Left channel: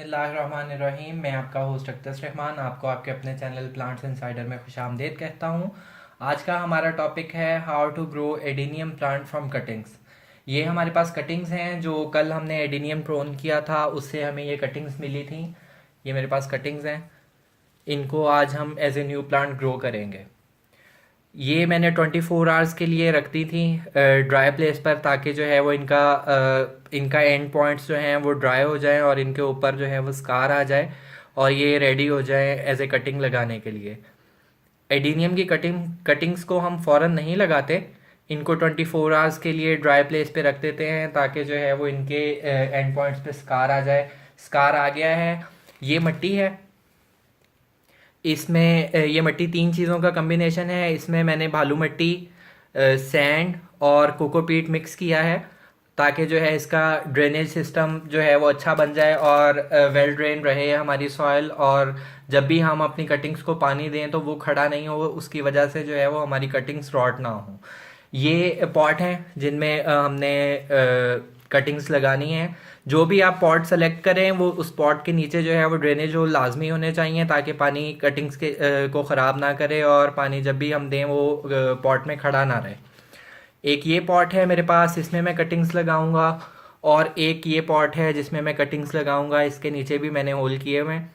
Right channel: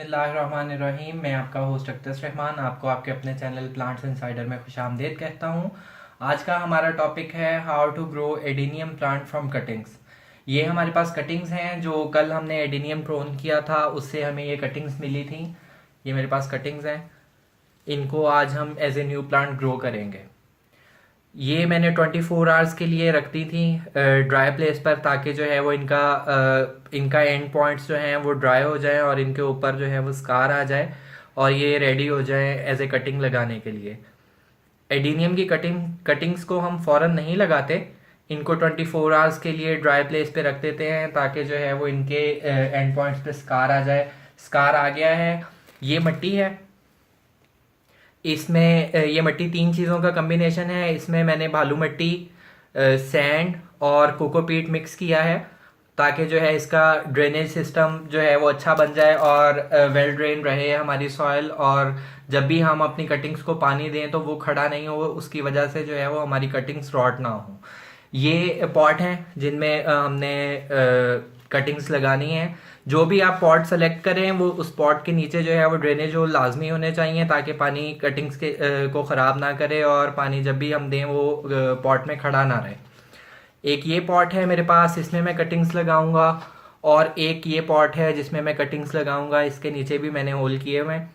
बिस्मिल्लाहिर्रहमानिर्रहीम। मैं आपका होस्ट अख्तर रहमान आपको आपके अपने चैनल प्लांट्स इनसाइडर में खुशामदीद कहता हूँ। आज का हमारा टॉपिक है how to grow adenium plant from cuttings. ये हमारे पास कटिंग्स हैं जो कल हमने एडेनियम प्रोन किया था, उससे हमें ये कटिंग्स मिली थी। ये मेरे पास कटिंग्स हैं, इनको आज हम as a new plant grow करेंगे। ये मैंने 24 आवर्स के लिए रख दी थी ड्राई प्लेस पर, ताकि जो है वो इनका एंड पॉइंट्स जो हैं वो ड्राई हो जाएं और इनके ऊपर जो है वो स्कार आ जाए और ये रेडी हो जाए एज ए कटिंग लगाने के लिए। एडीनियम की कटिंग्स को हम फ़ौरन नहीं लगाते, इनको 24 आवर्स के लिए ड्राई प्लेस पे रख देते हैं ताकि जो है वो इनके एंड पॉइंट्स पे स्कार आ जाए। स्कार आ गया है। ये मिट्टी है, इसमें ये मिट्टी 3 चीज़ों का कम्बिनेशन है। इसमें मैंने बालू मिट्टी, सैंड और कोकोपीट मिक्स किया है ताकि जो है इसका ड्रेनेज सिस्टम जो है वो अच्छा बन जाए और वेल ड्रेन रहे हमारी सॉइल, और जब भी हम अपनी कटिंग्स को पानी दें तो वो खड़ा नहीं हो, उसकी वजह से जो है वो हमारी कटिंग्स रॉट ना हो। ये पॉट हैं जिनमें हमने कटिंग्स लगानी है। जो भी आप पॉट सेलेक्ट करें वो उस पॉट के नीचे जो है वो ड्रेनेज होल लाजमी होने चाहिए ताकि पानी कटिंग्स के को ख़राब ना करे और पानी जब भी हम दें वो पॉट में खड़ा ना रहे। एक ये पॉट है मेरे पास, इसमें मैं कटिंग्स लगाऊंगा, और एक ये पॉट है जिसमें मैं कटिंग्स लगाऊंगा। इसके नीचे भी मैंने होल किए हुए हैं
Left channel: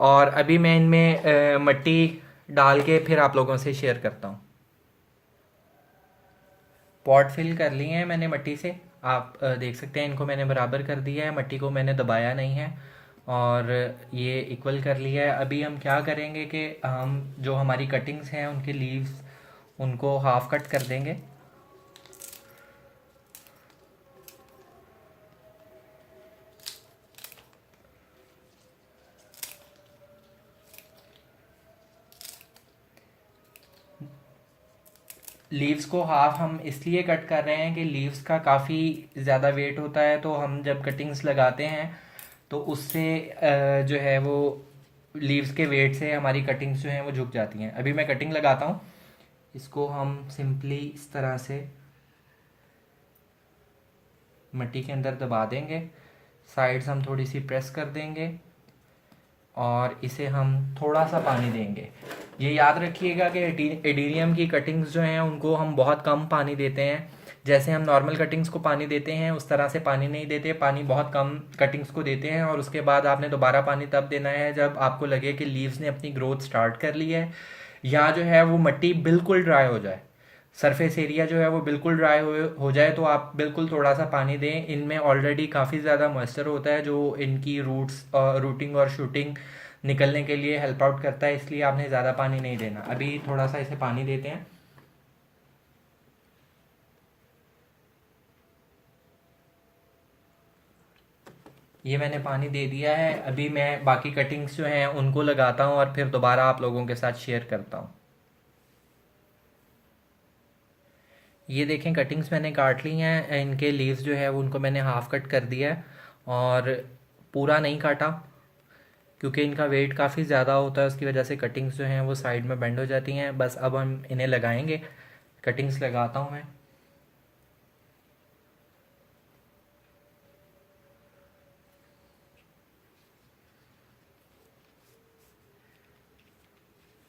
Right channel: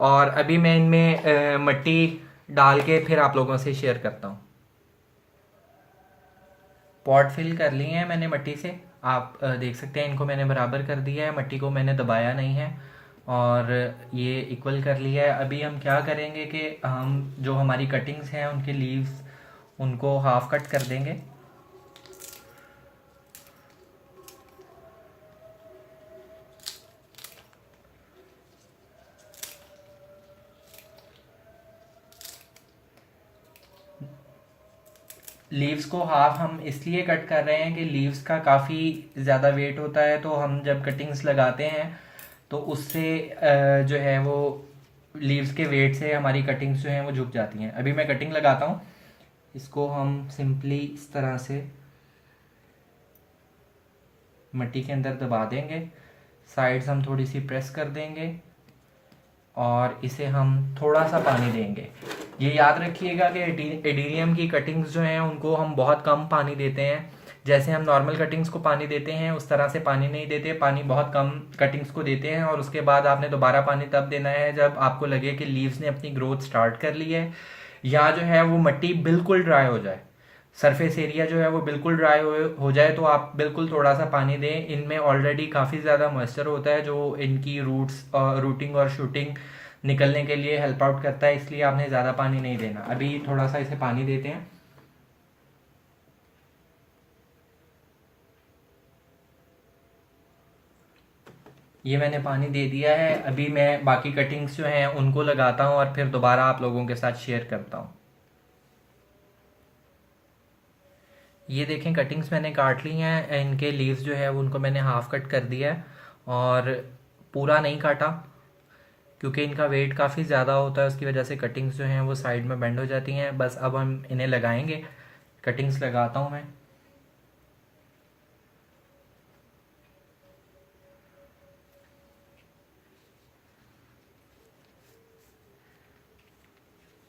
और अभी मैं इनमें मिट्टी डाल के फिर आप लोगों से शेयर करता हूँ। पॉट फिल कर लिए हैं मैंने मिट्टी से, आप देख सकते हैं इनको मैंने बराबर कर दिया है, मिट्टी को मैंने दबाया नहीं है और ये इक्वल कर लिया है। अभी हम क्या करेंगे कि हम जो हमारी कटिंग्स हैं उनके लीव्स उनको हाफ कट कर देंगे। लीव्स को हाफ हम इसलिए कट कर रहे हैं कि लीव्स का काफ़ी ज़्यादा वेट होता है, तो हम जब कटिंग्स लगाते हैं तो उससे जो है वो लीव्स के वेट से हमारी कटिंग्स जो हैं वो झुक जाती हैं। अभी मैं कटिंग लगाता हूँ। इसको हम सिंपली इस तरह से मिट्टी के अंदर दबा देंगे, साइड्स हम थोड़ी सी प्रेस कर देंगे और इसे हम थोड़ा सा पानी देंगे। ये याद रखिएगा कि एडीनियम की कटिंग्स जो हैं उनको हम बहुत कम पानी देते हैं। जैसे हम नॉर्मल कटिंग्स को पानी देते हैं उस तरह से पानी नहीं देते, पानी बहुत कम कटिंग्स को देते हैं और उसके बाद आपने दोबारा पानी तब देना है जब आपको लगे कि लीव्स ने अपनी ग्रोथ स्टार्ट कर ली है या जो है वो मिट्टी बिल्कुल ड्राई हो जाए, सरफेस एरिया जो है वो बिल्कुल ड्राई हो जाए, तो आप बिल्कुल थोड़ा सा पानी दें। इनमें ऑलरेडी काफ़ी ज़्यादा मॉइस्चर होता है जो इनकी रूटिंग और शूटिंग निकलने के लिए हेल्प आउट करता है, इसलिए आपने ज़्यादा पानी नहीं देना। अभी थोड़ा सा इसे पानी देते हैं। ये मैंने पानी दे दिया है। अभी मैं बाकी कटिंग्स जो हैं उनको लगाता हूँ और फिर दोबारा आप लोगों के साथ शेयर करता हूँ। ये देखें कटिंग्स मैंने काट ली हैं, इनके लीव्स जो है उनको मैंने हाफ कट कर दिया है और पूरा नहीं काटा क्योंकि इनका वेट काफ़ी ज़्यादा होता है, उसकी वजह से कटिंग्स जो हैं वो साइड में बेंड हो जाती हैं। बस अब हम इन्हें लगाएंगे। कटिंग्स लगाता हूँ मैं।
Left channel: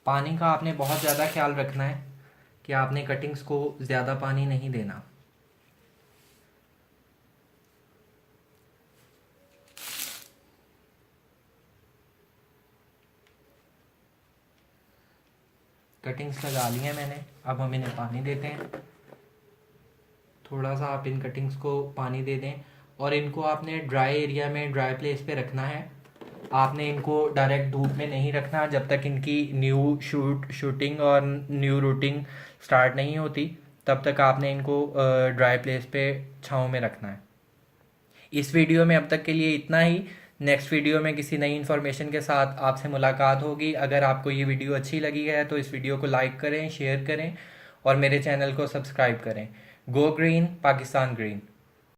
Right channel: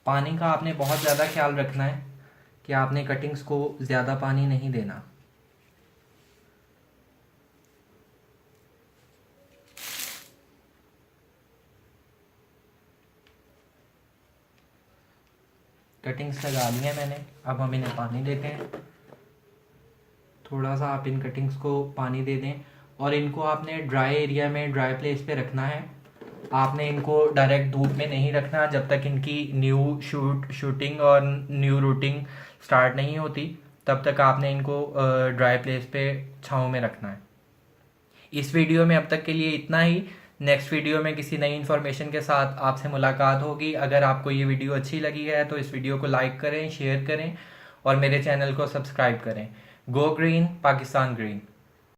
पानी का आपने बहुत ज़्यादा ख्याल रखना है कि आपने कटिंग्स को ज़्यादा पानी नहीं देना। कटिंग्स लगा ली हैं मैंने, अब हम इन्हें पानी देते हैं। थोड़ा सा आप इन कटिंग्स को पानी दे दें और इनको आपने ड्राई एरिया में, ड्राई प्लेस पे रखना है। आपने इनको डायरेक्ट धूप में नहीं रखना जब तक इनकी न्यू शूटिंग और न्यू रूटिंग स्टार्ट नहीं होती, तब तक आपने इनको ड्राई प्लेस पे छाँव में रखना है। इस वीडियो में अब तक के लिए इतना ही। नेक्स्ट वीडियो में किसी नई इन्फॉर्मेशन के साथ आपसे मुलाकात होगी। अगर आपको ये वीडियो अच्छी लगी है तो इस वीडियो को लाइक करें, शेयर करें और मेरे चैनल को सब्सक्राइब करें। Go green, Pakistan green.